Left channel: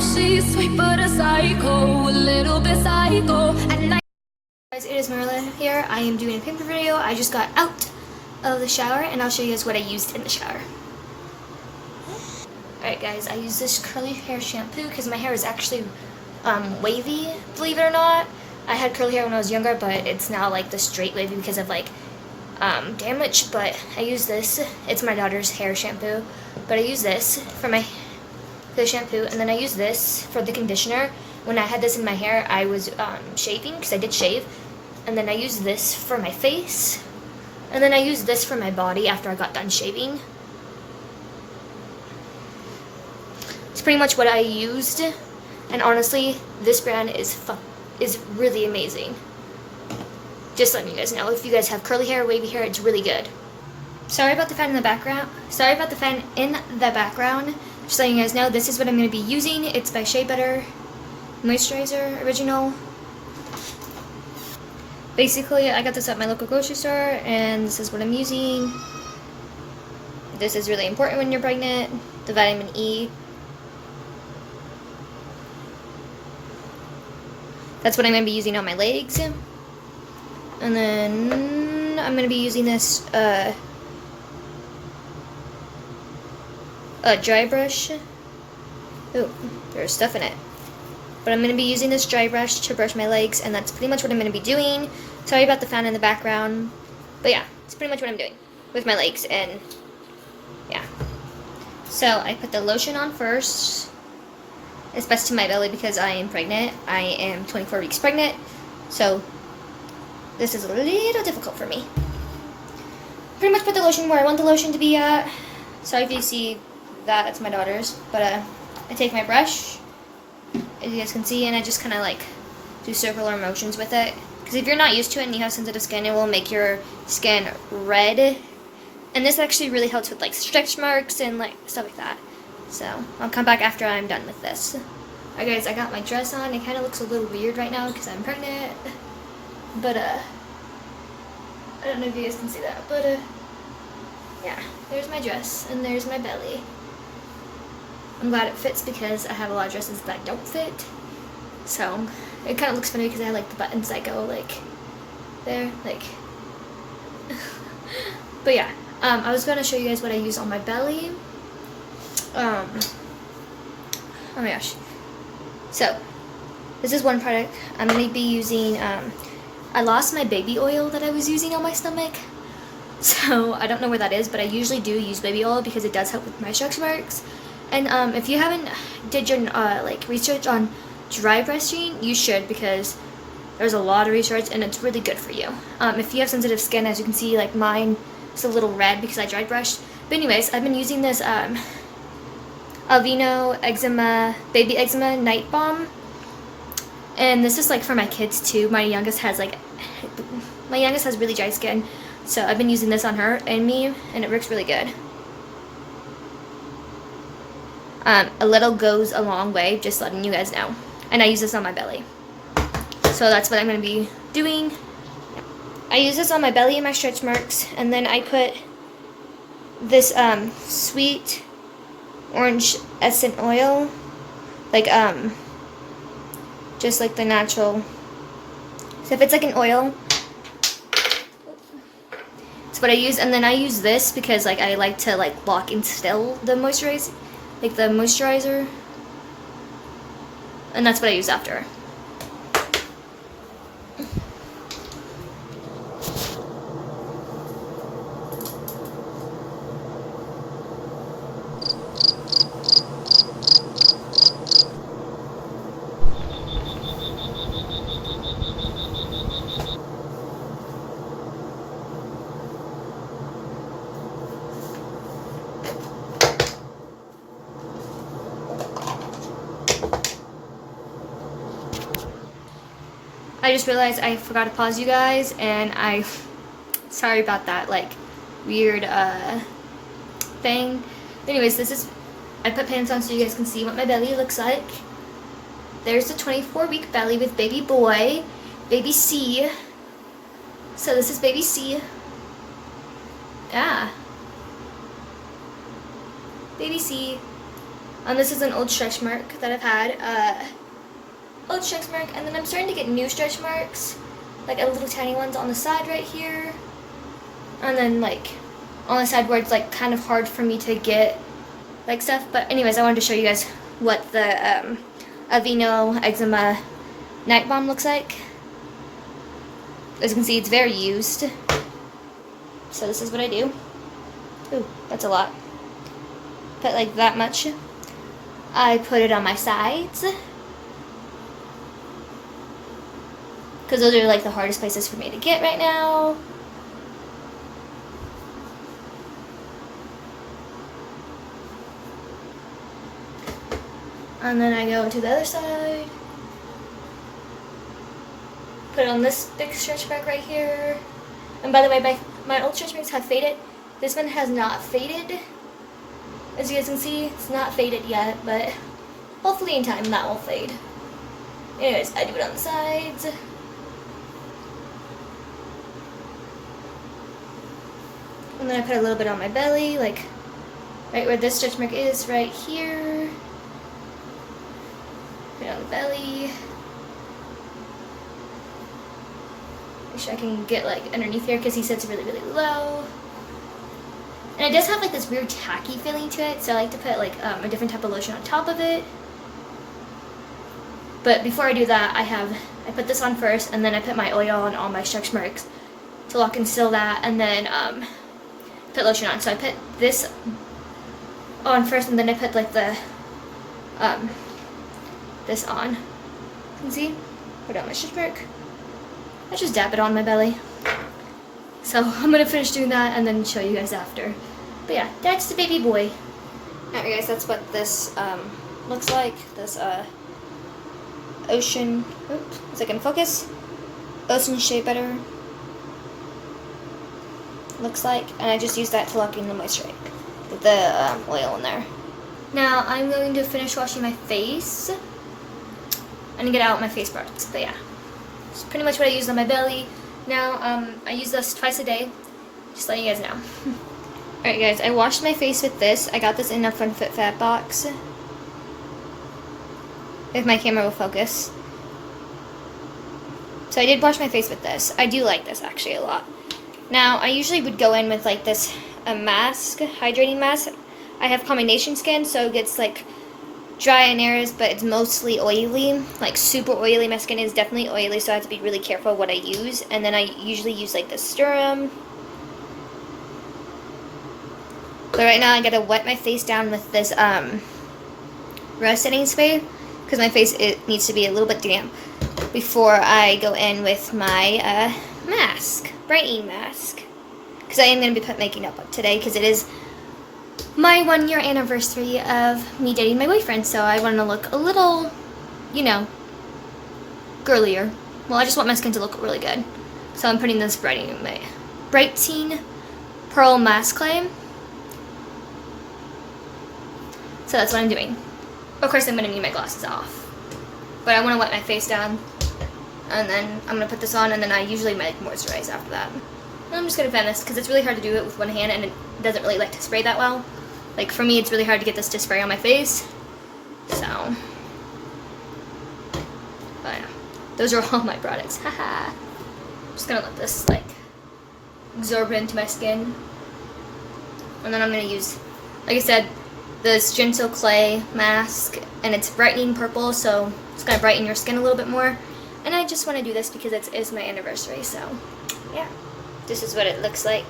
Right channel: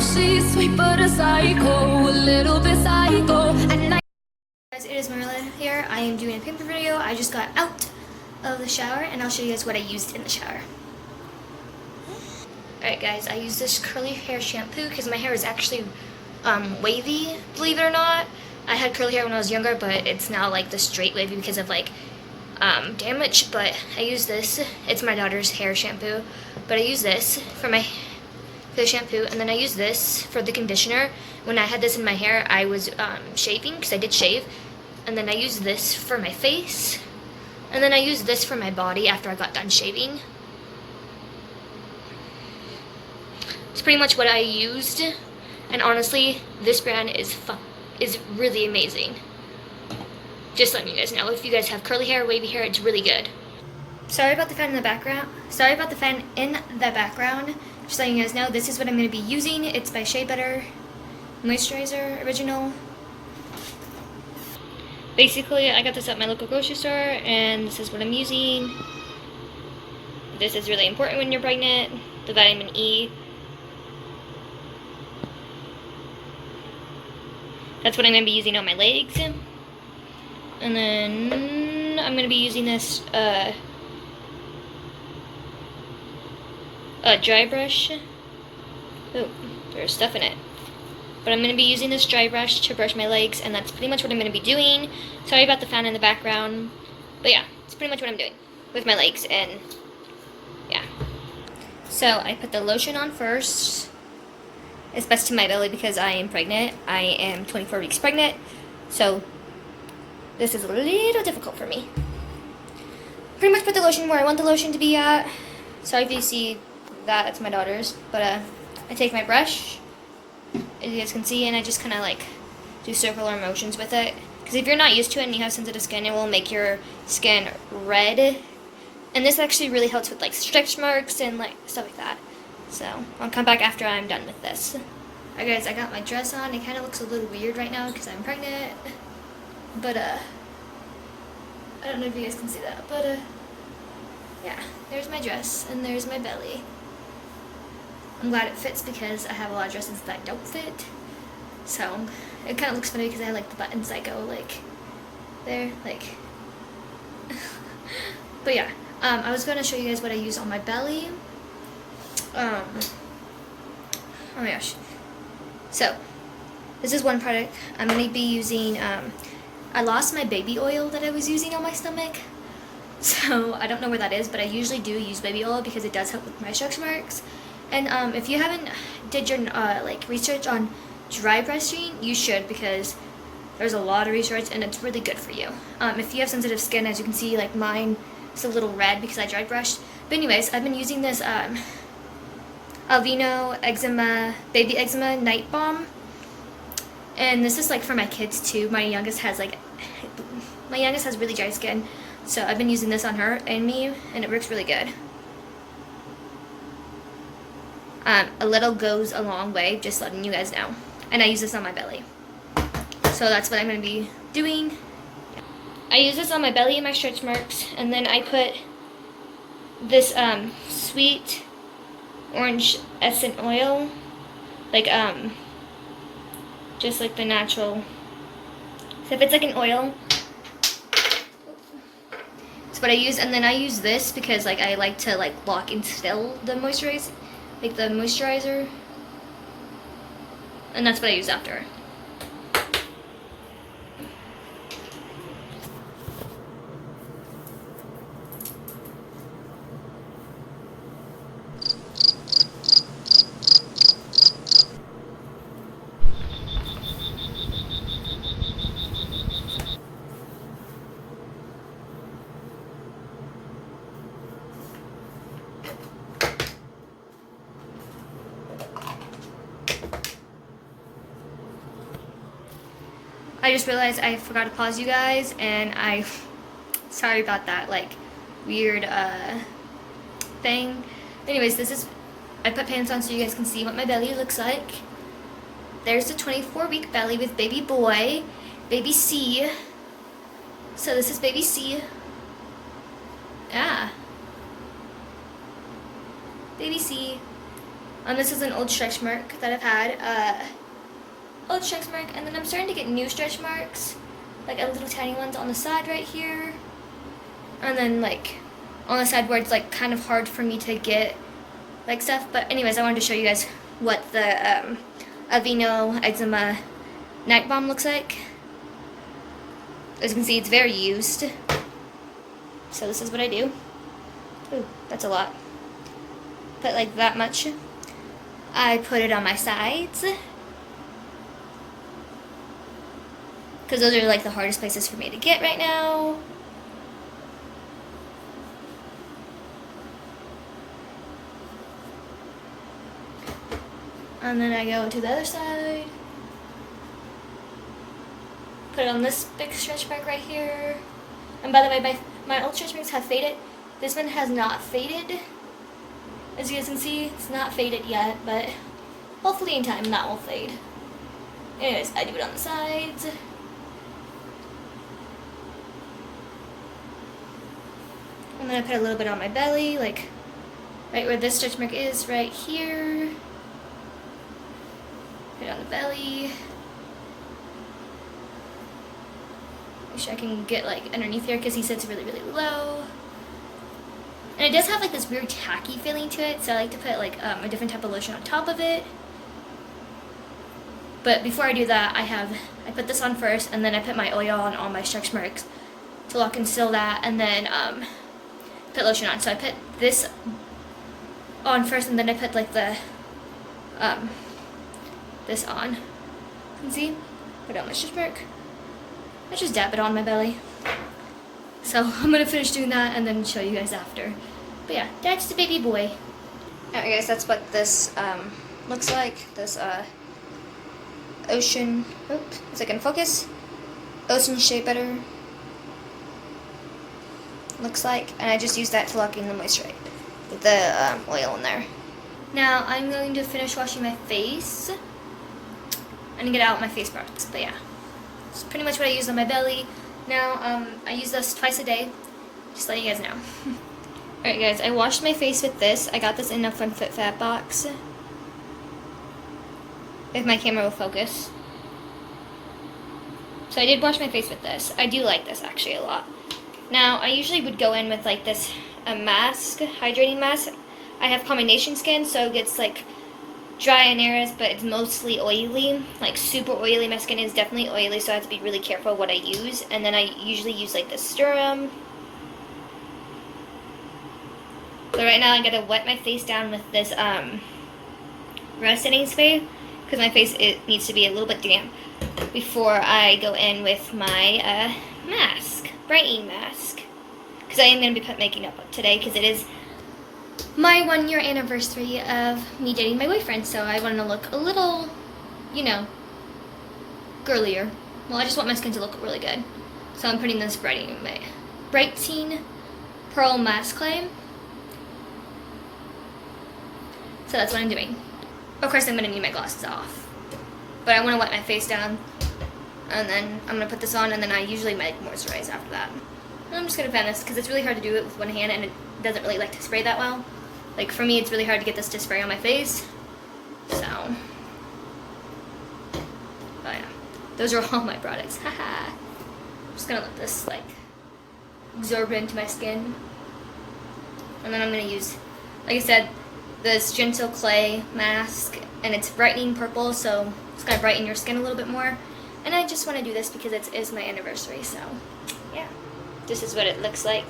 she's sweet but a psycho, a little bit psycho. At night. Guys, it is Marilla here. I am doing a pamper video. I just got out of the shower and I'll show you guys what I used in the shower. Alright guys, I use this curly hair shampoo because my hair is actually wavy, believe it or not. I had curly hair when I was younger, but it's now like the straight wavy because of like damage. But I use this. It's my daughter's hair shampoo, but I use this for the shampoo, and then I use this for the conditioner. When I had this in my hair, I was shaving because I did shave, and then I use this for my face, and then I use this for my body after I got done shaving. It's pretty much what I used, and honestly, this brand is really amazing. Just letting you guys know, if you guys have curly hair, wavy hair, it's really good. Sorry about the fan in the background. Just letting you guys know, this is what I'm going to be using. It's by Shea Butter Moisturizer Original. Basically, I got this at my local grocery store, and this is what I'm using. This is really important when you're pregnant. The vitamin E. That's what I'm going to be using on my legs. And then I'm going to be using this dry brush. Oh, there's stuff in it. But I'm going to be using this dry brush to brush my legs, and that's pretty much what I'm going to be doing. Sorry about the fan in the background. But yeah, it's pretty much what I'm doing with my legs, and yeah. So I put the lotion on first. It's best to my belly because I am pregnant. I am 24 weeks pregnant, so this is a little difficult for me. Pretty much put the lotion where I want the lotion to be at. Sorry if you see that, it's my daughter's. But I take my brush, as you guys can see, and I just kind of like do circular motions with it. Because if you're not used to it and you have sensitive skin, it will make your skin red. And this actually really helps with like stretch marks and like stuff like that. So I'll come back after I'm done with this. Alright guys, I got my dress on. It kind of looks a little weird right now because I'm pregnant. But I don't know if you guys can see that, but yeah, there's my dress and there's my belly. I'm glad it fits because I have a lot of dresses that don't fit. So it kind of looks funny because I have like the buttons that go like there, like. But yeah, I was going to show you guys what I use on my belly. Oh my gosh. So this is one product I'm going to be using. I lost my baby oil that I was using on my stomach, so I don't know where that is, but I usually do use baby oil because it does help with my stretch marks. And if you haven't did your like research on dry brushing, you should, because there's a lot of research and it's really good for you. If you have sensitive skin, as you can see, like mine is a little red because I dry brushed. But anyways, I've been using this Aveeno baby eczema night balm. And this is like for my kids too. My youngest has really dry skin, so I've been using this on her and me, and it works really good. A little goes a long way, just letting you guys know. And I use this on my belly, so that's what I'm going to be doing. I use this on my belly and my stretch marks, and then I put this sweet orange essence oil, like just like the natural. So if it's like an oil, it's what I use. And then I use this because like I like to like lock and still the moisturizer, and that's what I use after. I just realized I forgot to pause you guys, and sorry about that, like, weird, thing. Anyways, I put pants on so you guys can see what my belly looks like. There's the 24-week belly with baby boy, baby C. So this is baby C. Yeah. Baby C. This is an old stretch mark that I've had. Old stretch mark, and then I'm starting to get new stretch marks, like little tiny ones on the side right here, and then like on the side where it's like kind of hard for me to get like stuff. But anyways, I wanted to show you guys what the Aveeno Eczema Night Balm looks like. As you can see, it's very used. So this is what I do. Ooh, that's a lot. Put like that much. I put it on my sides, because those are like the hardest places for me to get right now. And then I go to the other side. Put it on this big stretch mark right here. And by the way, my old stretch marks have faded. This one has not faded. As you guys can see, it's not faded yet, but hopefully in time that will fade. Anyways, I do it on the sides. And then I put a little bit on my belly, like right where this stretch mark is, right here. Put it on the belly. Make sure I can get like underneath here, because he sits really, really low. And it does have like this weird tacky feeling to it, so I like to put like a different type of lotion on top of it. But before I do that, I put this on first, and then I put my oil on all my stretch marks to lock and seal that, and then put lotion on. So I put this on first, and then I put like the this on. You can see, put it on my stretch mark. I just dab it on my belly. So I'm gonna finish doing that and then show you guys after. But yeah, that's the baby boy. Alright guys, that's what this looks like. This ocean, is it gonna focus? Ocean shea butter looks like, and I just use that to lock in the moisture with the oil in there. Now I'm going to finish washing my face and get out my face parts. But yeah, it's pretty much what I use on my belly. Now, I use this twice a day, just letting you guys know. Alright guys, I washed my face with this. I got this in a Fun Fit Fat box. If my camera will focus. So I did wash my face with this. I do like this actually a lot. Now, I usually would go in with like this, a mask, hydrating mask. I have combination skin, so it gets like dry in areas, but it's mostly oily, like super oily. My skin is definitely oily, so I have to be really careful what I use. And then I usually use like the serum. But right now I gotta wet my face down with this rest setting spray, because my face, it needs to be a little bit damp before I go in with my mask, brightening mask. Because I am gonna be making up today, because it is my 1 year anniversary of me dating my boyfriend, so I want to look a little, you know, girlier. Well, I just want my skin to look really good. So I'm putting this brightening pearl mask clay. So that's what I'm doing. Of course, I'm going to need my glasses off. But I want to wet my face down, and then I'm going to put this on, and then I usually moisturize after that. And I'm just going to fan this, because it's really hard to do it with one hand, and it doesn't really like to spray that well. Like, for me, it's really hard to get this to spray on my face. So, but yeah, those are all my products. Haha. I'm just gonna let this, like, absorb into my skin. And then I'm gonna use, like I said, this Gentle Clay mask, and it's brightening purple, so it's gonna brighten your skin a little bit more. And I just want to do this because it is my anniversary, so yeah. This is what it looks like.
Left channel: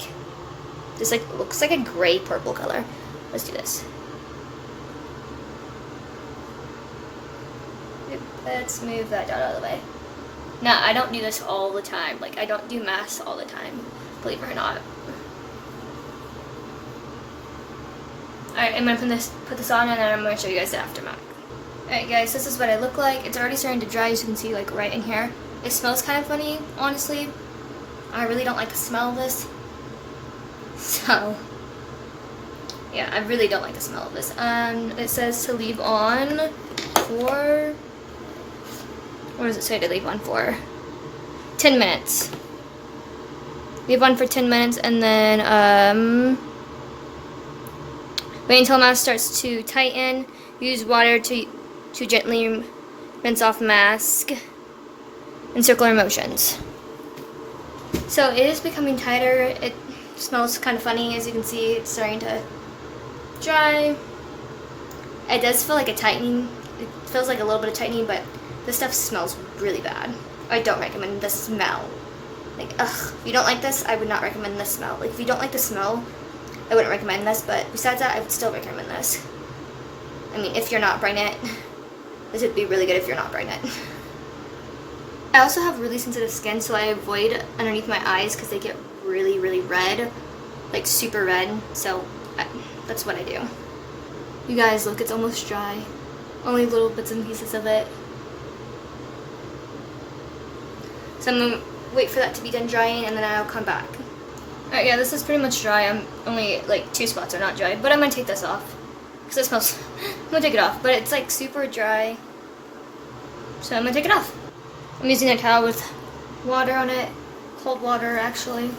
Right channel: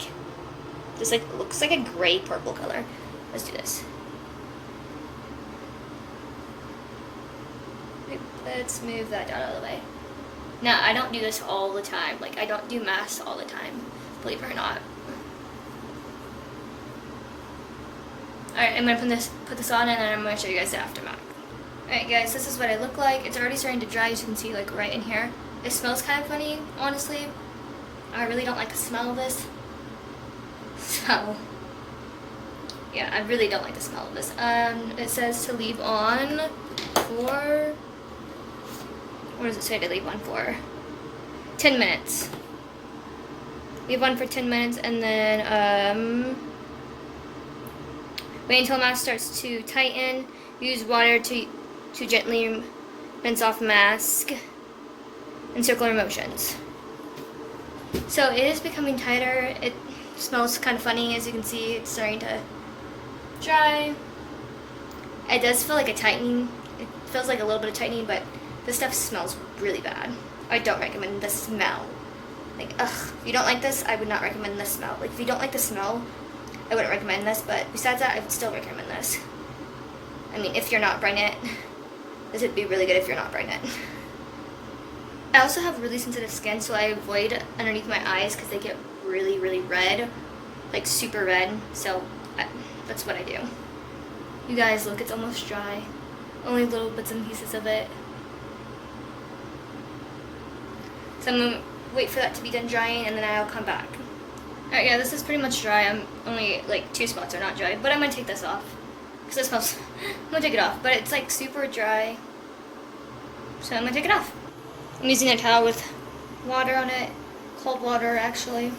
This like looks like a gray purple color. Let's do this. Let's move that down out of the way. Now, I don't do this all the time. Like, I don't do masks all the time, believe it or not. Alright, I'm going to put this on, and then I'm going to show you guys the aftermath. Alright guys, this is what I look like. It's already starting to dry, as you can see, like right in here. It smells kind of funny, honestly. I really don't like the smell of this. So, yeah, I really don't like the smell of this. It says to leave on for, what does it say to leave on for? 10 minutes. Leave on for 10 minutes, and then wait until mask starts to tighten, Use water to gently rinse off mask in circular motions. So it is becoming tighter. It smells kind of funny, as you can see. It's starting to dry. It does feel like a tightening. It feels like a little bit of tightening, but this stuff smells really bad. I don't recommend the smell. Like, ugh, if you don't like this, I would not recommend this smell. Like, if you don't like the smell, I wouldn't recommend this, but besides that, I would still recommend this. I mean, if you're not pregnant, this would be really good if you're not pregnant. I also have really sensitive skin, so I avoid underneath my eyes because they get really, really red, like super red, so that's what I do. You guys, look, it's almost dry. Only little bits and pieces of it. So I'm gonna wait for that to be done drying, and then I'll come back. Alright, yeah, this is pretty much dry. I'm only, like, 2 spots are not dry, but I'm gonna take this off. Because it smells, I'm gonna take it off, but it's, like, super dry. So I'm gonna take it off. I'm using a towel with water on it, cold water actually.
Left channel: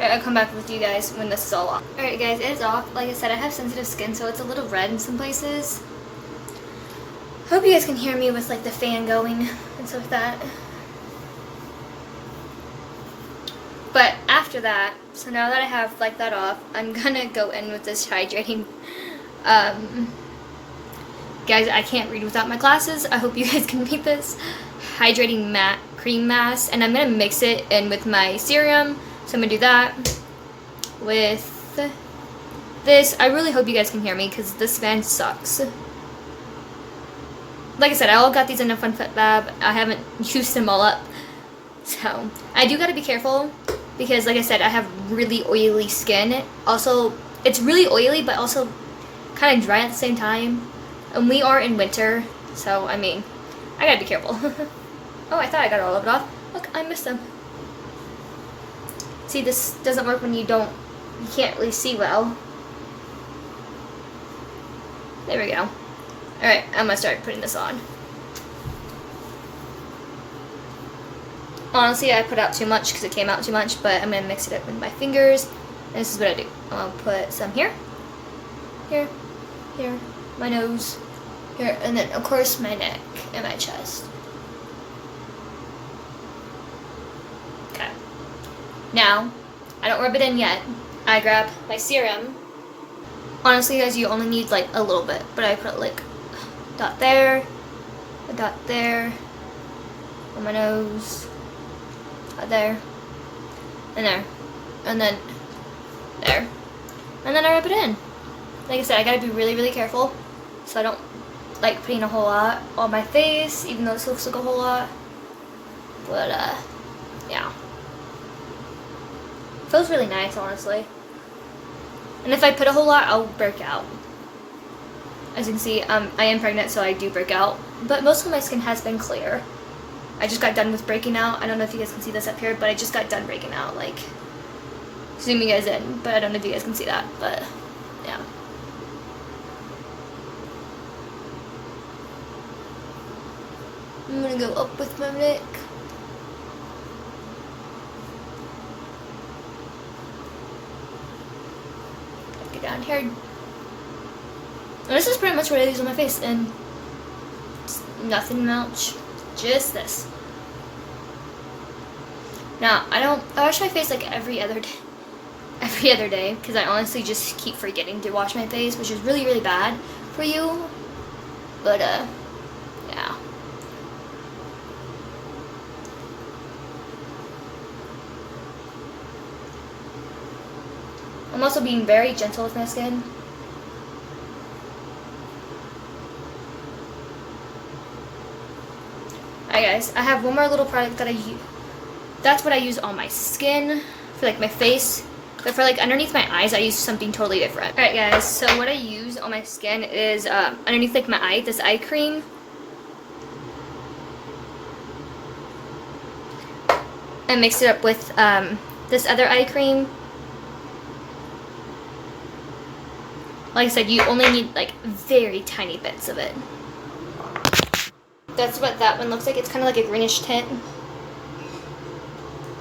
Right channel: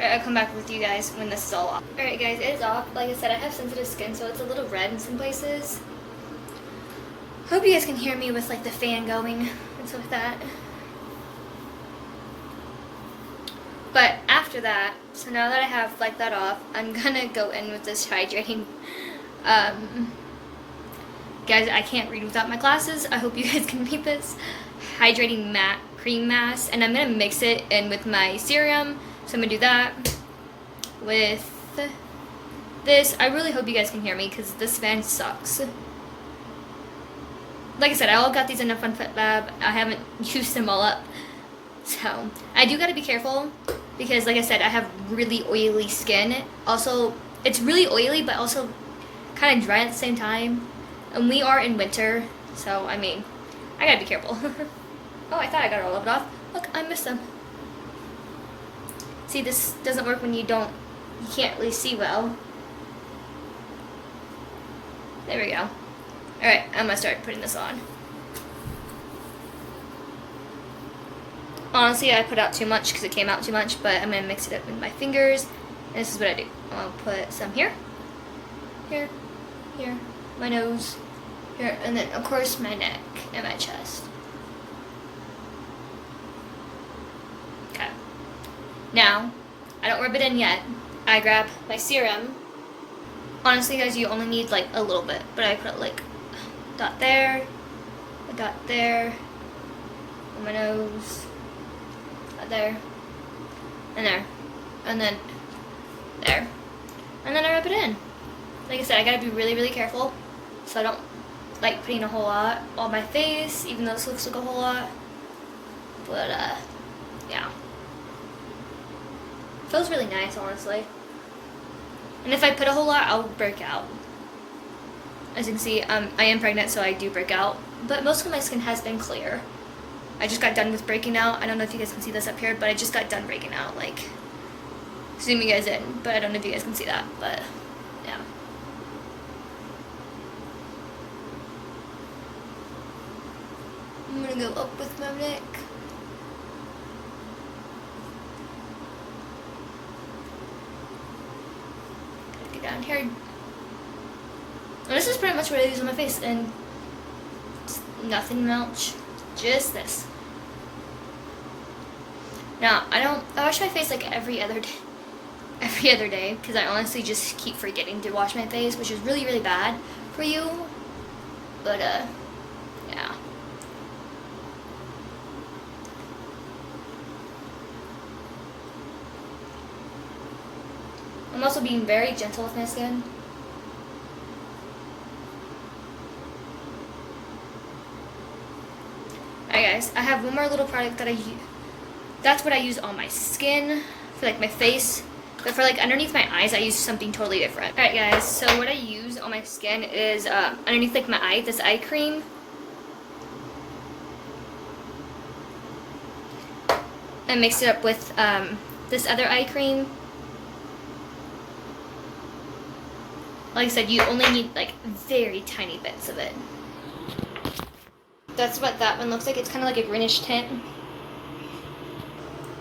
Alright, I'll come back with you guys when this is all off. Alright guys, it is off. Like I said, I have sensitive skin, so it's a little red in some places. Hope you guys can hear me with like the fan going and stuff like that. But after that, so now that I have like that off, I'm gonna go in with this hydrating. Guys, I can't read without my glasses. I hope you guys can read this. Hydrating matte cream mask, and I'm gonna mix it in with my serum. So I'm gonna do that with this. I really hope you guys can hear me because this fan sucks. Like I said, I all got these in a Fun Fit Lab. I haven't used them all up. So I do gotta be careful because like I said, I have really oily skin. Also, it's really oily but also kind of dry at the same time. And we are in winter, so I mean, I gotta be careful. Oh, I thought I got all of it off. Look, I missed them. See, this doesn't work when you can't really see well. There we go. Alright, I'm gonna start putting this on. Honestly, I put out too much because it came out too much, but I'm gonna mix it up with my fingers. And this is what I do. I'll put some here, here, here, my nose, here, and then of course my neck and my chest. Okay. Now, I don't rub it in yet. I grab my serum. Honestly, guys, you only need like a little bit, but I put like a dot there, a dot there, on my nose, there, and there, and then there, and then I rub it in. Like I said, I gotta be really, really careful so I don't like putting a whole lot on my face, even though this looks like a whole lot. But yeah, feels really nice, honestly. And if I put a whole lot, I'll break out. As you can see, I am pregnant, so I do break out. But most of my skin has been clear. I just got done with breaking out. I don't know if you guys can see this up here, but I just got done breaking out. Like, zoom you guys in, but I don't know if you guys can see that. But yeah. I'm gonna go up with my neck. Get down here. And this is pretty much what I use on my face, and nothing much, just this. Now, I wash my face like every other day, because I honestly just keep forgetting to wash my face, which is really, really bad for you. But yeah. I'm also being very gentle with my skin. Alright guys, I have one more little product that I use. That's what I use on my skin, for like my face. But for like underneath my eyes, I use something totally different. Alright guys, so what I use on my skin is underneath like my eye, this eye cream. And mix it up with this other eye cream. Like I said, you only need like very tiny bits of it. That's what that one looks like. It's kind of like a greenish tint.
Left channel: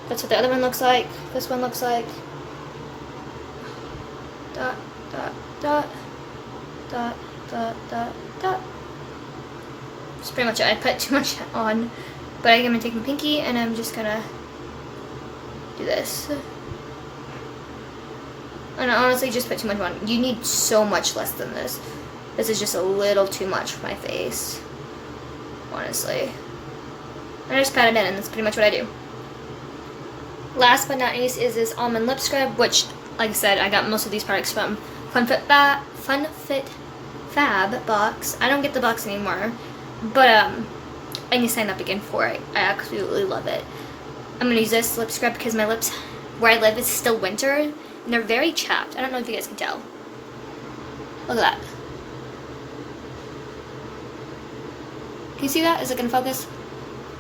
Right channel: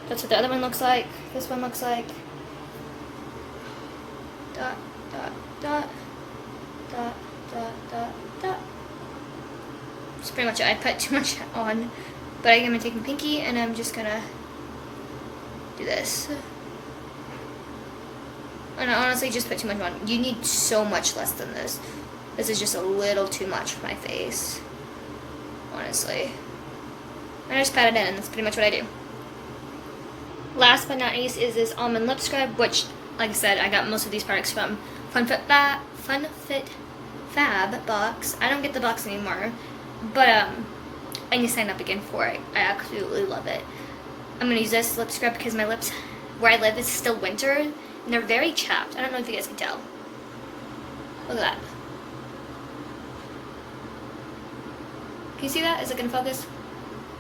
That's what the other one looks like. This one looks like. Dot, dot, dot, dot, dot, dot, dot. That's pretty much it. I put too much on, but I'm gonna take my pinky and I'm just gonna do this. And I honestly just put too much on. You need so much less than this. This is just a little too much for my face, honestly. And I just pat it in, and that's pretty much what I do. Last but not least is this almond lip scrub, which, like I said, I got most of these products from FunFit Fab box. I don't get the box anymore, but I need to sign up again for it. I absolutely love it. I'm gonna use this lip scrub because my lips, where I live, is still winter, and they're very chapped. I don't know if you guys can tell. Look at that. Can you see that? Is it gonna focus?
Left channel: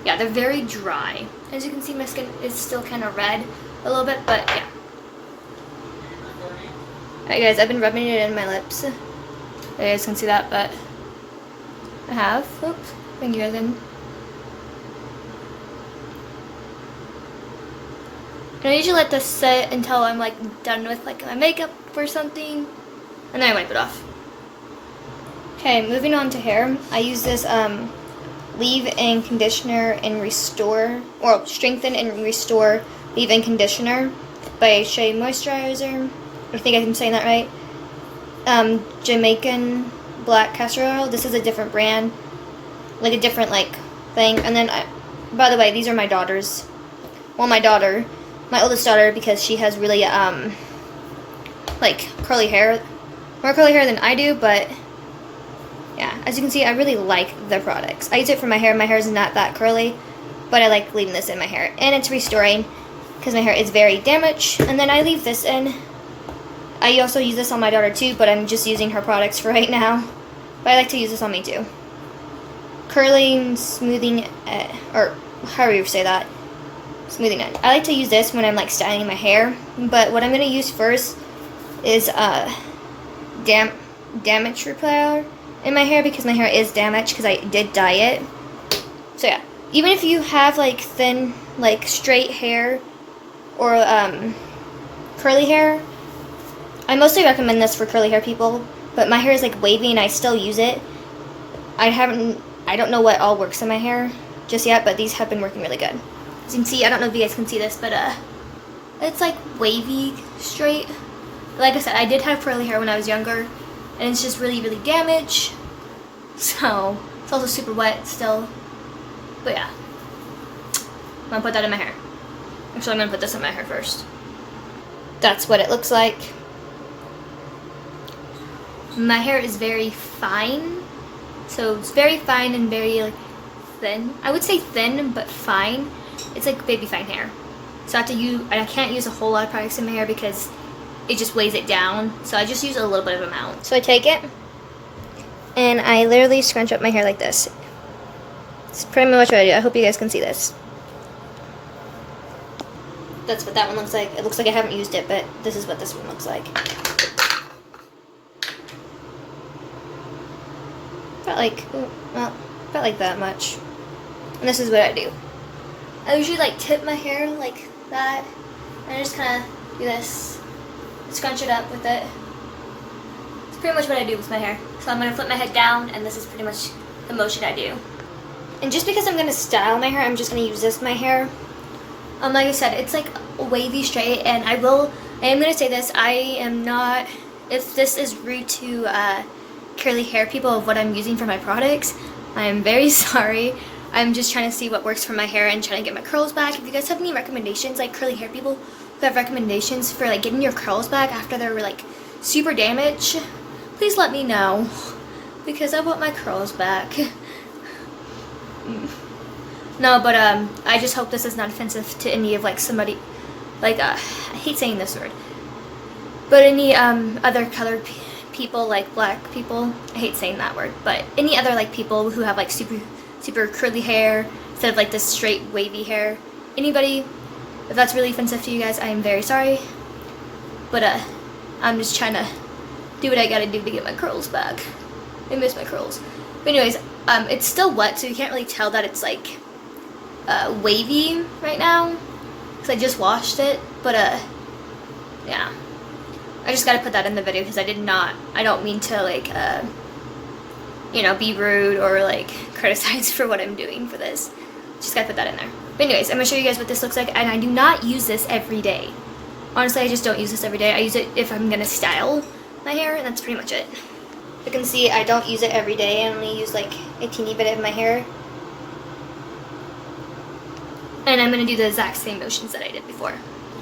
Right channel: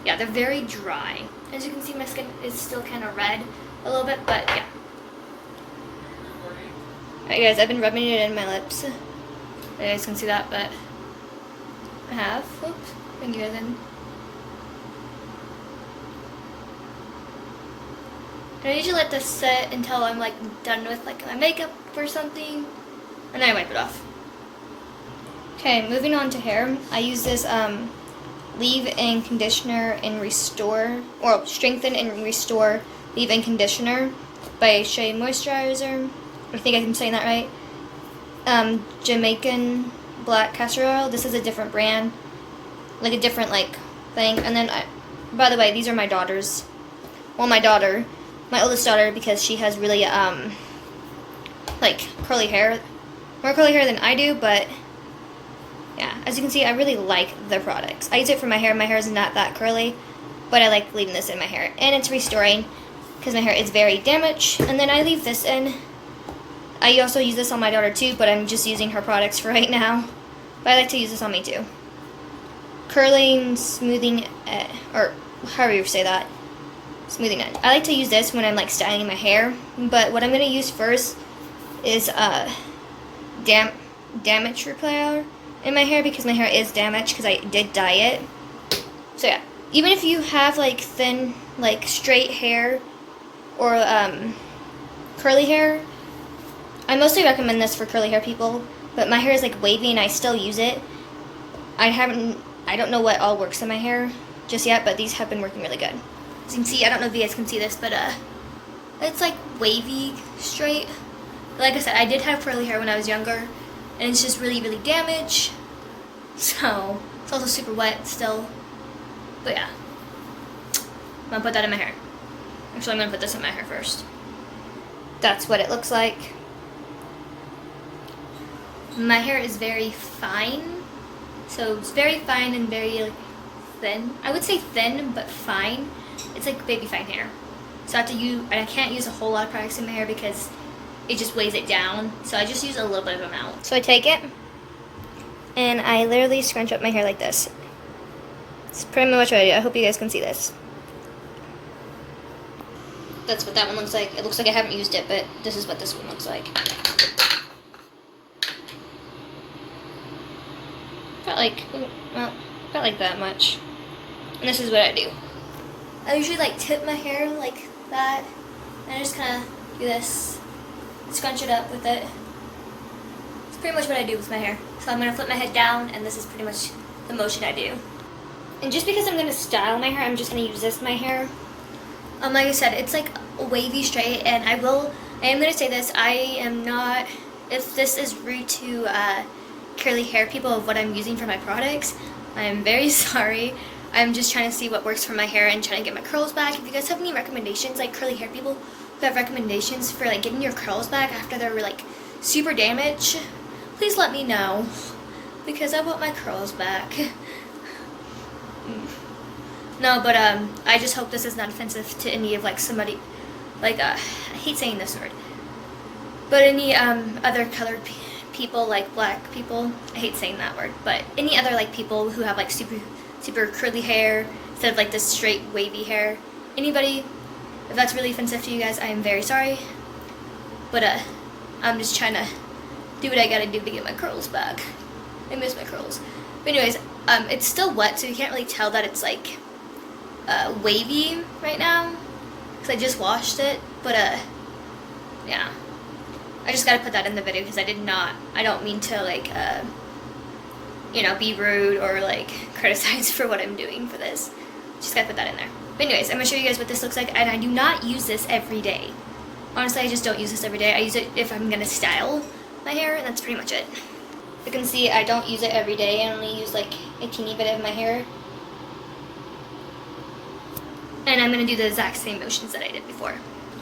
Yeah, they're very dry. As you can see, my skin is still kind of red a little bit, but yeah. Alright guys, I've been rubbing it in my lips. You guys can see that, but I have. Oops, thank you again. And I usually let this sit until I'm like done with like my makeup or something, and then I wipe it off. Okay, moving on to hair. I use this leave-in conditioner and restore, or strengthen and restore leave-in conditioner by Shea Moisturizer. I think I'm saying that right. Jamaican black castor oil. This is a different brand, like a different like thing. And then, by the way, these are my daughters. Well, my oldest daughter, because she has really like curly hair, more curly hair than I do, but. Yeah, as you can see, I really like the products. I use it for my hair. My hair is not that curly, but I like leaving this in my hair. And it's restoring, because my hair is very damaged. And then I leave this in. I also use this on my daughter too, but I'm just using her products for right now. But I like to use this on me too. Curling, smoothing, or however you say that. Smoothing it. I like to use this when I'm like styling my hair. But what I'm going to use first is damage repair in my hair, because my hair is damaged because I did dye it. So yeah, even if you have like thin, like straight hair or curly hair, I mostly recommend this for curly hair people, but my hair is like wavy and I still use it. I don't know what all works in my hair just yet, but these have been working really good. As you can see, I don't know if you guys can see this, but it's like wavy straight. Like I said, I did have curly hair when I was younger, and it's just really, really damaged. So, it's also super wet still. But yeah. I'm gonna put that in my hair. Actually, I'm gonna put this in my hair first. That's what it looks like. My hair is very fine. So, it's very fine and very like, thin. I would say thin, but fine. It's like baby fine hair. So, I can't use a whole lot of products in my hair because it just weighs it down. So I just use a little bit of amount. So I take it, and I literally scrunch up my hair like this. It's pretty much what I do. I hope you guys can see this. That's what that one looks like. It looks like I haven't used it, but this is what this one looks like. Not like that much. And this is what I do. I usually like tip my hair like that, and I just kind of do this. Scrunch it up with it. It's pretty much what I do with my hair. So I'm going to flip my head down, and this is pretty much the motion I do. And just because I'm going to style my hair, I'm just going to use this in my hair. Like I said, it's like wavy straight, and I am going to say this, I am not, if this is rude to curly hair people of what I'm using for my products, I am very sorry. I'm just trying to see what works for my hair and trying to get my curls back. If you guys have any recommendations, like curly hair people who have recommendations for like getting your curls back after they're like super damaged, please let me know, because I want my curls back. No, but I just hope this is not offensive to any of like somebody, like I hate saying this word, but any other colored people, like black people. I hate saying that word, but any other like people who have like super curly hair instead of like this straight wavy hair. Anybody, if that's really offensive to you guys, I am very sorry. But I'm just trying to do what I gotta do to get my curls back. I miss my curls. But anyways, It's still wet, so you can't really tell that it's like wavy right now, because I just washed it. But yeah, I just gotta put that in the video because I don't mean to like you know, be rude or like criticize for what I'm doing for this. Just gotta put that in there. But anyways, I'm gonna show you guys what this looks like, and I do not use this every day. Honestly, I just don't use this every day. I use it if I'm gonna style my hair, and that's pretty much it. You can see I don't use it every day. I only use like a teeny bit of my hair. And I'm gonna do the exact same motions that I did before.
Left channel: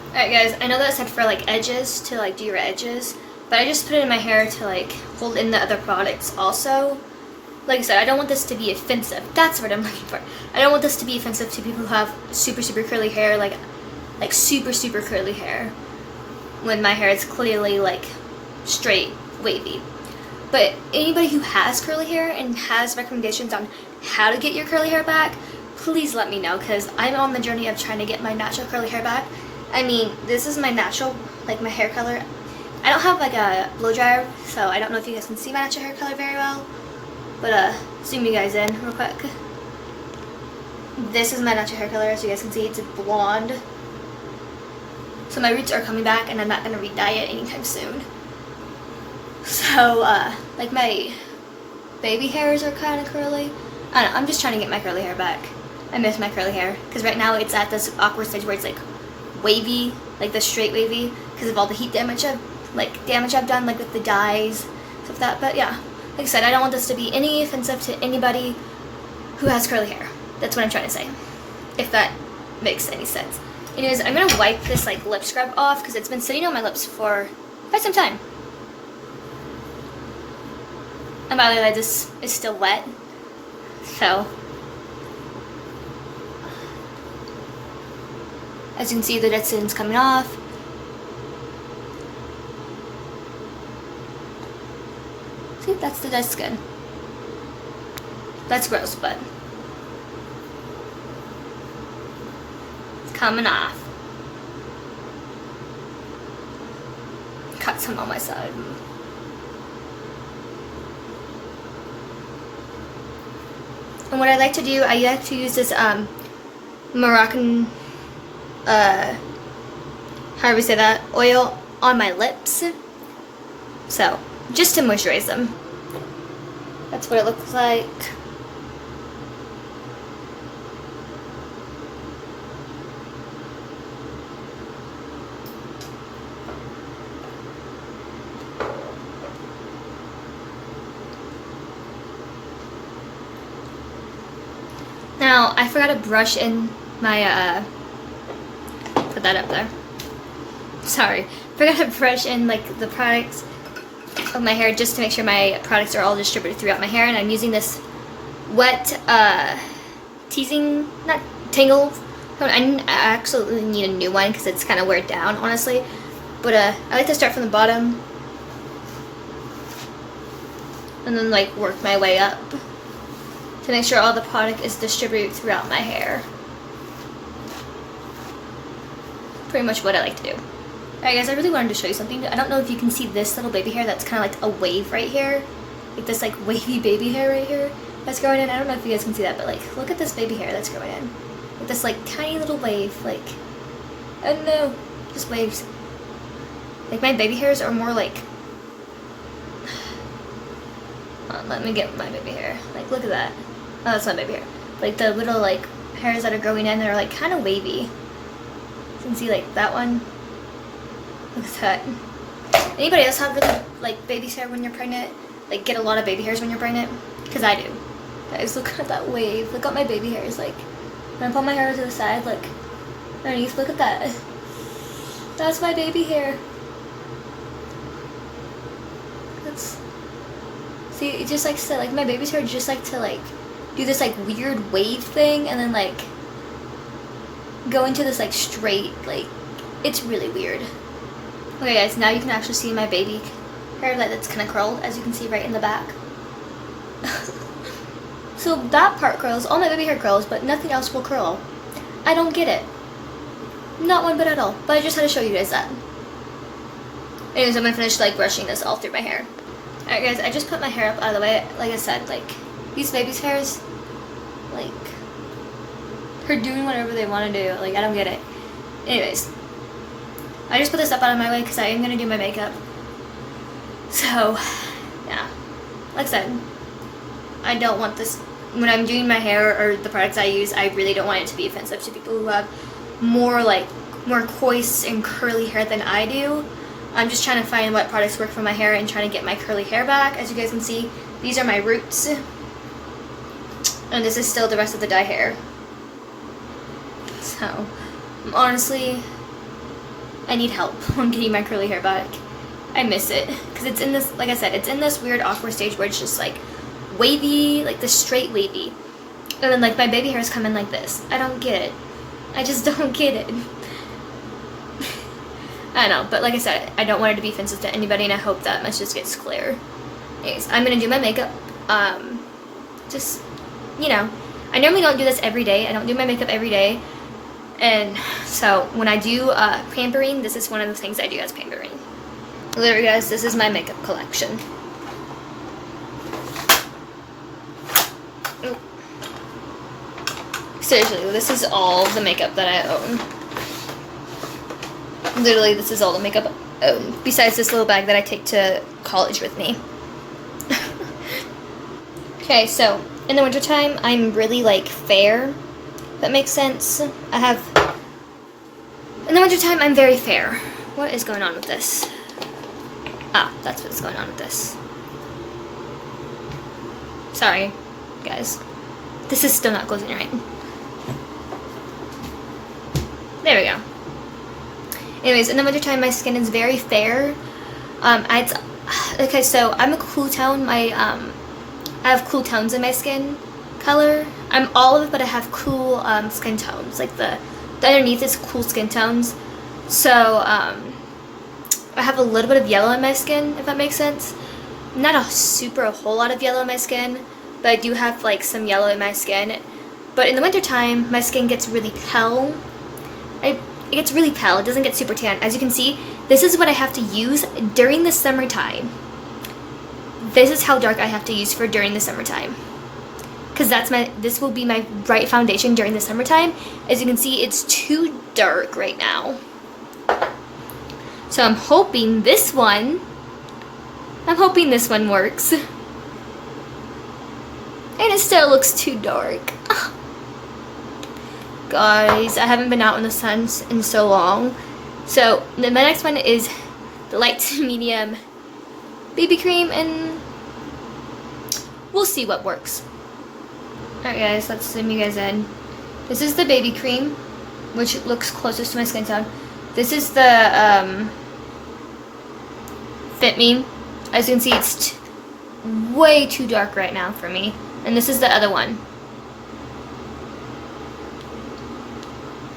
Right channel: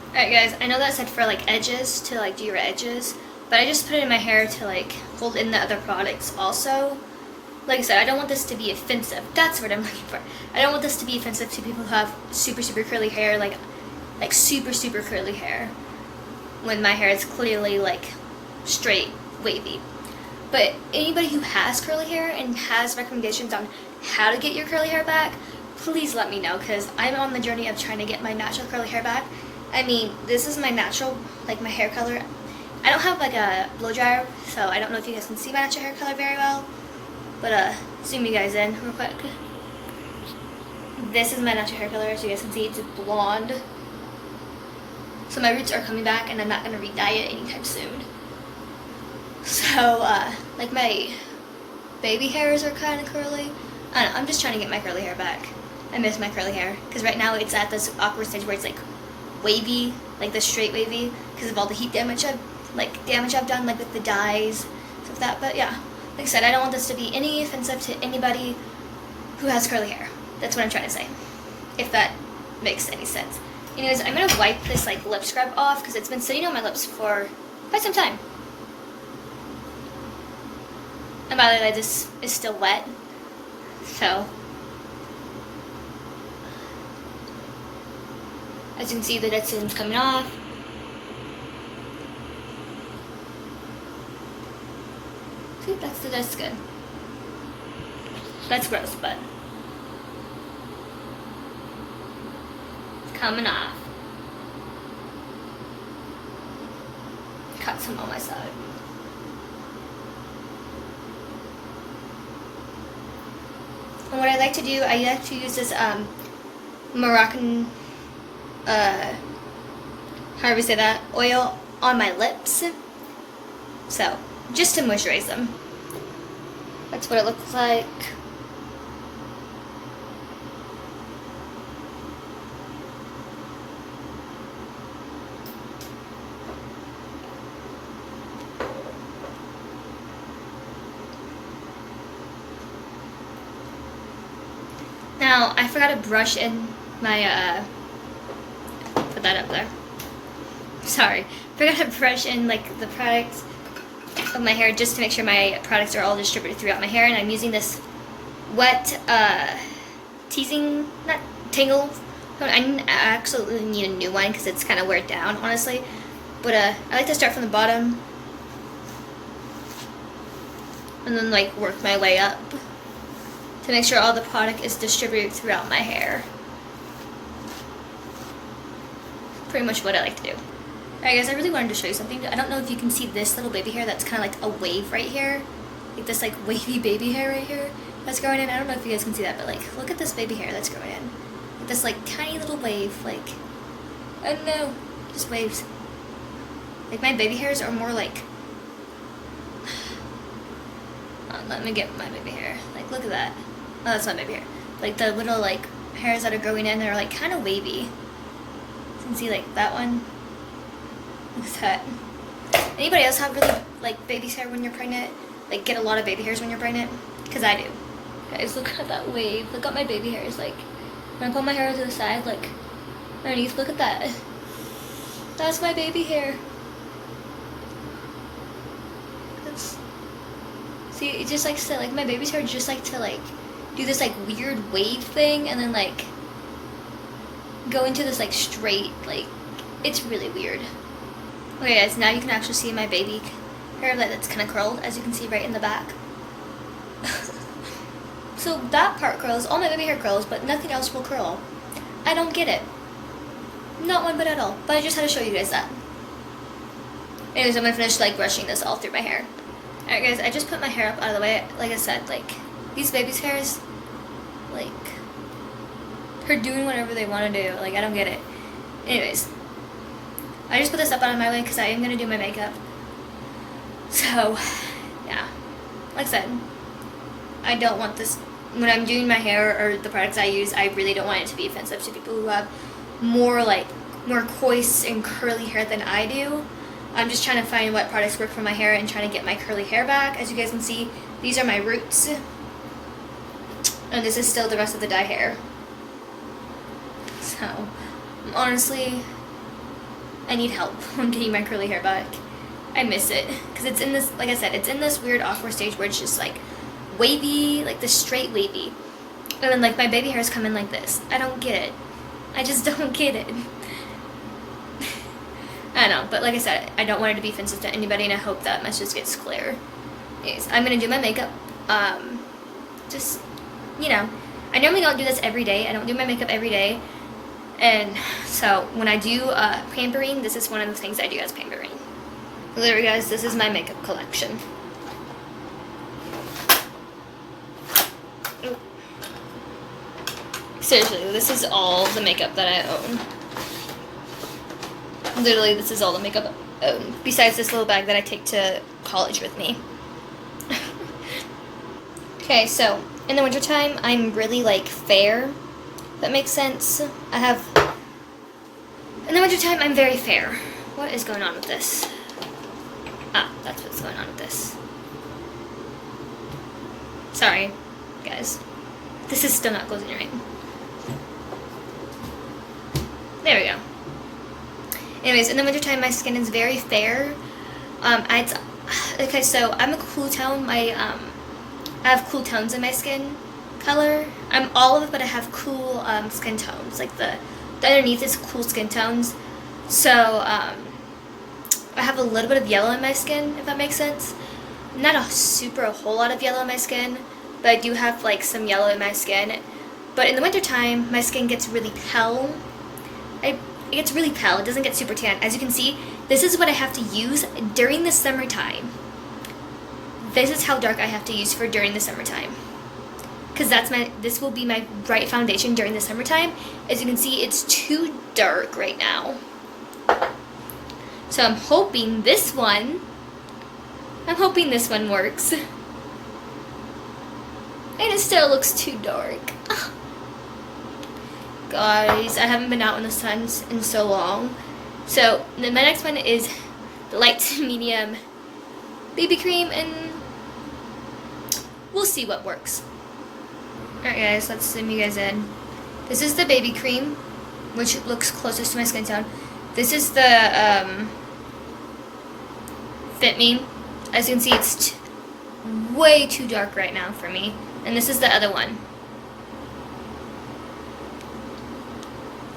Alright guys, I know that I said for like edges, to like do your edges, but I just put it in my hair to like hold in the other products also. Like I said, I don't want this to be offensive. That's what I'm looking for. I don't want this to be offensive to people who have super, super curly hair, like super, super curly hair, when my hair is clearly like straight, wavy. But anybody who has curly hair and has recommendations on how to get your curly hair back, please let me know, because I'm on the journey of trying to get my natural curly hair back. I mean, this is my natural, like my hair color. I don't have like a blow dryer, so I don't know if you guys can see my natural hair color very well. But zoom you guys in real quick. This is my natural hair color, as you guys can see, it's blonde. So my roots are coming back, and I'm not gonna re-dye it anytime soon. So, like my baby hairs are kind of curly. I don't know, I'm just trying to get my curly hair back. I miss my curly hair, because right now it's at this awkward stage where it's like wavy, like the straight wavy, because of all the heat damage I've done, like with the dyes, stuff like that. But yeah, like I said, I don't want this to be any offensive to anybody who has curly hair. That's what I'm trying to say, if that makes any sense. Anyways, I'm gonna wipe this like lip scrub off because it's been sitting on my lips for quite some time. And by the way, this is still wet, so as you can see, the dead skin's coming off. See, that's the dead skin. That's gross, but it's coming off. Cut some on my side. And what I like to do, I like to use this Moroccan, however you say that, oil on my lips. So, just to moisturize them. That's what it looks like. Now, I forgot to brush in my, put that up there. Sorry. Forgot to brush in, like, the products of my hair just to make sure my products are all distributed throughout my hair. And I'm using this wet, teasing, not tangle. I absolutely need a new one because it's kind of wear down, honestly. But, I like to start from the bottom. And then, like, work my way up to make sure all the product is distributed throughout my hair. Pretty much what I like to do. Alright guys, I really wanted to show you something. I don't know if you can see this little baby hair that's kind of like a wave right here. Like this like wavy baby hair right here that's growing in. I don't know if you guys can see that, but like look at this baby hair that's growing in. Like this like tiny little wave, like, I don't know, just waves. Like my baby hairs are more like, let me get my baby hair. Like look at that. Oh, that's my baby hair. Like the little like hairs that are growing in, they're like kind of wavy. You can see like that one. Looks cut. Anybody else have really like baby hair when you're pregnant? Like get a lot of baby hairs when you're pregnant? Because I do. Guys, look at that wave. Look at my baby hairs. Like when I pull my hair to the side, look. Underneath, look at that. That's my baby hair. That's, see, it just like to, like my baby's hair just like to like do this like weird wave thing and then like go into this like straight, like it's really weird. Okay guys, now you can actually see my baby hair that's kind of curled, as you can see right in the back. So that part curls, all my baby hair curls, but nothing else will curl. I don't get it. Not one bit at all, but I just had to show you guys that. Anyways, I'm gonna finish like brushing this all through my hair. Alright guys, I just put my hair up out of the way, like I said, like these babies' hairs, like, they're doing whatever they want to do. Like, I don't get it. Anyways, I just put this up out of my way because I am going to do my makeup. So, yeah. Like I said, I don't want this, when I'm doing my hair or the products I use, I really don't want it to be offensive to people who have more coarse and curly hair than I do. I'm just trying to find what products work for my hair and trying to get my curly hair back. As you guys can see, these are my roots. And this is still the rest of the dye hair. So, honestly, I need help on getting my curly hair back. I miss it. Because it's in this, like I said, it's in this weird awkward stage where it's just like wavy, like the straight wavy. And then like my baby hairs come in like this. I don't get it. I just don't get it. I know, but like I said, I don't want it to be offensive to anybody, and I hope that message gets clear. Anyways, I'm going to do my makeup. Just, you know, I normally don't do this every day. I don't do my makeup every day. And so when I do pampering, this is one of the things I do as pampering. Literally, guys, this is my makeup collection. Ooh. Seriously, this is all the makeup that I own. Literally, this is all the makeup I own. Besides this little bag that I take to college with me. Okay, so in the wintertime, I'm really like fair. If that makes sense. In the wintertime, I'm very fair. What is going on with this? Ah, that's what's going on with this. Sorry, guys. This is still not closing right. There we go. Anyways, in the wintertime, my skin is very fair. Okay, so I'm a cool tone. I have cool tones in my skin color. I'm olive, but I have cool skin tones. Like the underneath is cool skin tones. So I have a little bit of yellow in my skin, if that makes sense. Not a whole lot of yellow in my skin, but I do have like some yellow in my skin. But in the wintertime, my skin gets really pale. It gets really pale. It doesn't get super tan. As you can see, this is what I have to use during the summertime. This is how dark I have to use for during the summertime. Because this will be my bright foundation during the summertime. As you can see, it's too dark right now. So I'm hoping this one works. And it still looks too dark. Guys, I haven't been out in the sun in so long. So my next one is the light to medium BB cream, and we'll see what works. Alright guys, let's zoom you guys in. This is the baby cream, which looks closest to my skin tone. This is the Fit Me. As you can see, it's way too dark right now for me. And this is the other one.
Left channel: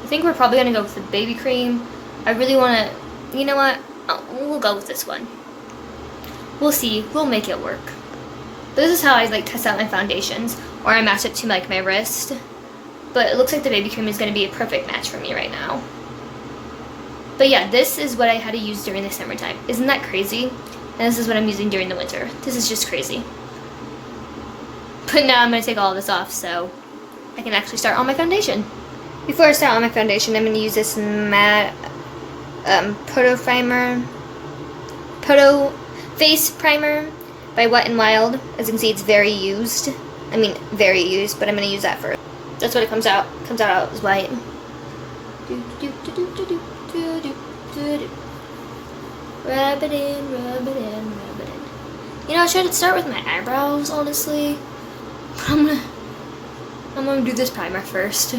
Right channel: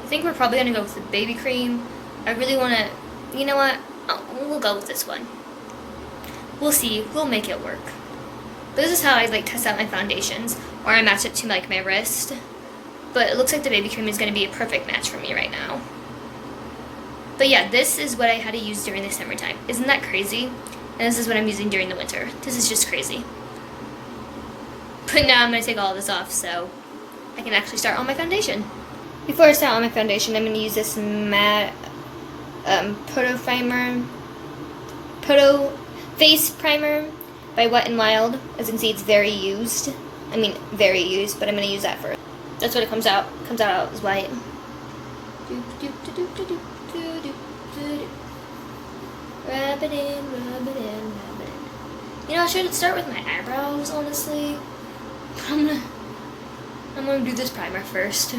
I think we're probably going to go with the baby cream. I really want to, you know what? Oh, we'll go with this one. We'll see. We'll make it work. But this is how I like test out my foundations, or I match it to like my wrist. But it looks like the baby cream is going to be a perfect match for me right now. But yeah, this is what I had to use during the summertime. Isn't that crazy? And this is what I'm using during the winter. This is just crazy. But now I'm going to take all of this off so I can actually start on my foundation. Before I start on my foundation, I'm going to use this matte Photo Face Primer by Wet n Wild. As you can see, it's very used. I mean, very used, but I'm going to use that first. That's what it comes out. It comes out as white. Rub it in, rub it in, rub it in. You know, I should start with my eyebrows, honestly. I'm gonna do this primer first.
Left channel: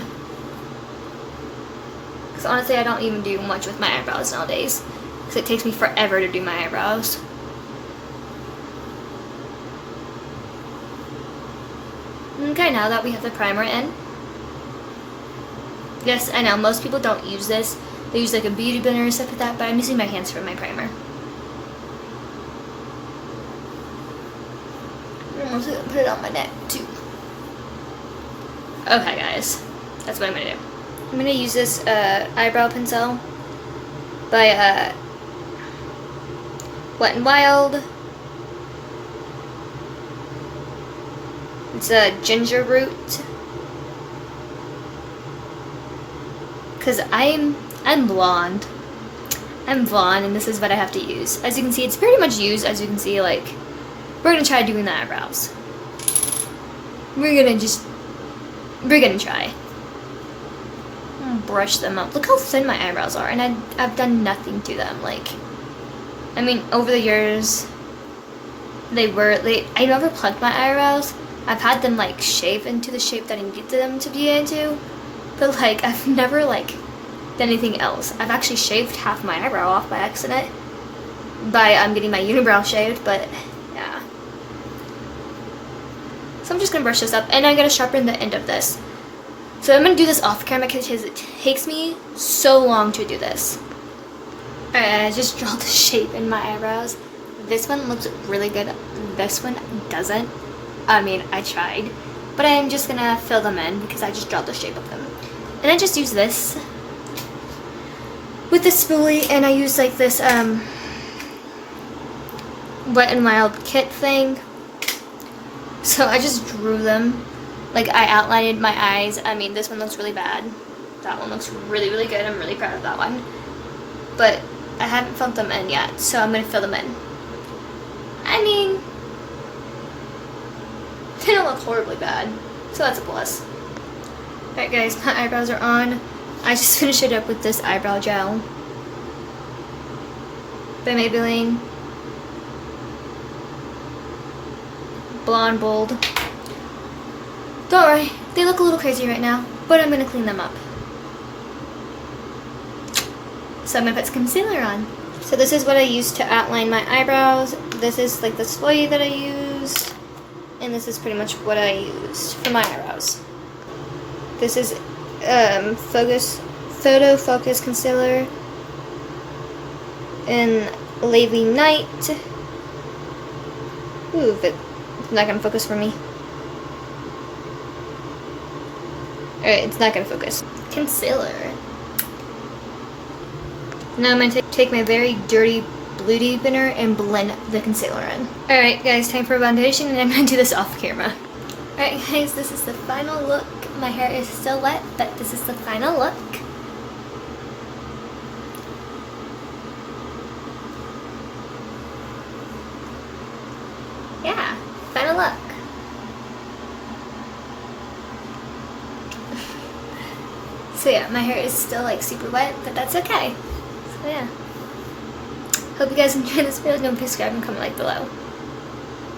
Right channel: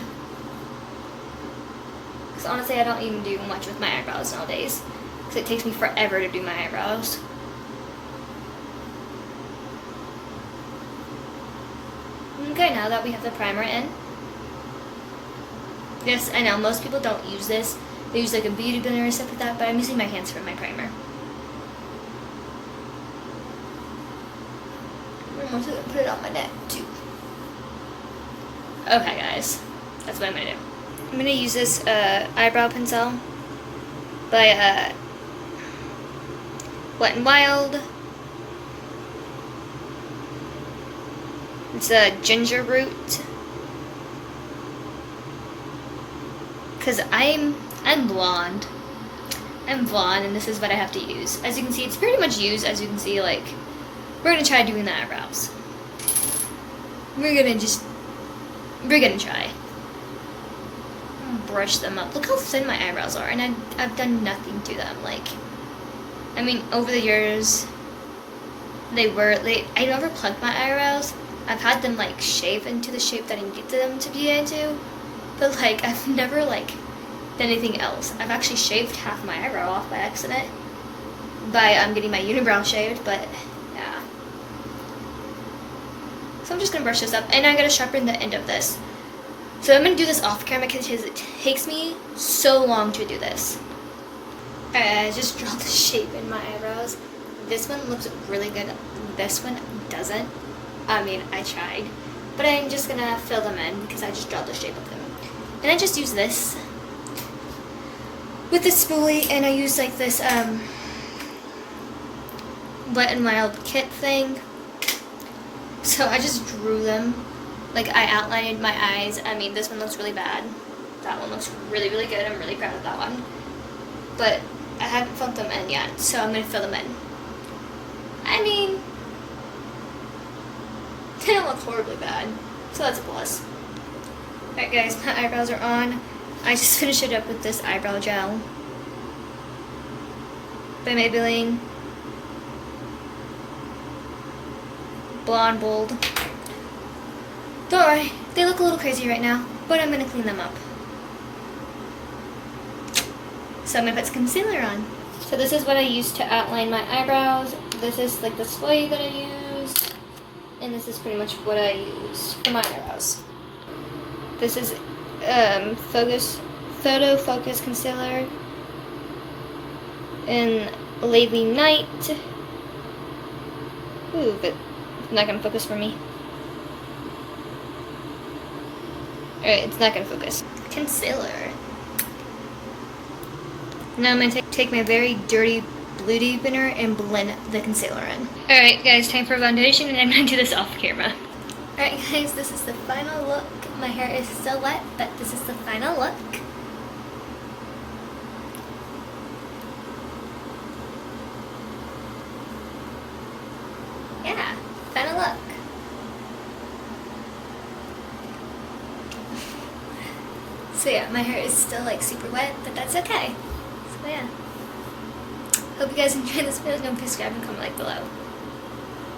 Because honestly, I don't even do much with my eyebrows nowadays. Because it takes me forever to do my eyebrows. Okay, now that we have the primer in. Yes, I know, most people don't use this. They use like a beauty blender or stuff like that, but I'm using my hands for my primer. I'm also gonna put it on my neck too. Okay guys, that's what I'm gonna do. I'm gonna use this eyebrow pencil by Wet n Wild. It's a ginger root. Cause I'm blonde. I'm blonde, and this is what I have to use. As you can see, it's pretty much used. As you can see, like, we're gonna try doing the eyebrows. We're gonna try. Brush them up. Look how thin my eyebrows are, and I've done nothing to them. Like, I mean, over the years, I never plugged my eyebrows. I've had them like shave into the shape that I needed them to be into, but like I've never like done anything else. I've actually shaved half my eyebrow off by accident by getting my unibrow shaved, but yeah. So I'm just gonna brush this up, and I'm gonna sharpen the end of this. So I'm gonna do this off camera because it takes me so long to do this. Alright, I just draw the shape in my eyebrows. This one looks really good. This one doesn't. I mean, I tried. But I'm just gonna fill them in because I just draw the shape of them. And I just use this with the spoolie, and I use like this Wet n Wild kit thing. So I just drew them. Like, I outlined my eyes. I mean, this one looks really bad. That one looks really, really good. I'm really proud of that one. But I haven't filled them in yet, so I'm going to fill them in. I mean, they don't look horribly bad, so that's a plus. Alright guys, my eyebrows are on. I just finished it up with this eyebrow gel by Maybelline. Blonde Bold. Don't worry, they look a little crazy right now, but I'm going to clean them up. So I'm going to put some concealer on. So this is what I use to outline my eyebrows. This is like the spoolie that I use. And this is pretty much what I use for my eyebrows. This is Photo Focus Concealer in Lavely Night. Ooh, but it's not going to focus for me. Alright, it's not going to focus. Concealer. Now I'm going to take my very dirty blue deepener and blend the concealer in. Alright guys, time for foundation, and I'm going to do this off camera. Alright guys, this is the final look. My hair is still wet, but this is the final look. Yeah, final look. So yeah, my hair is still like super wet, but that's okay. So yeah. Hope you guys enjoyed this video. Don't forget to subscribe and comment like below.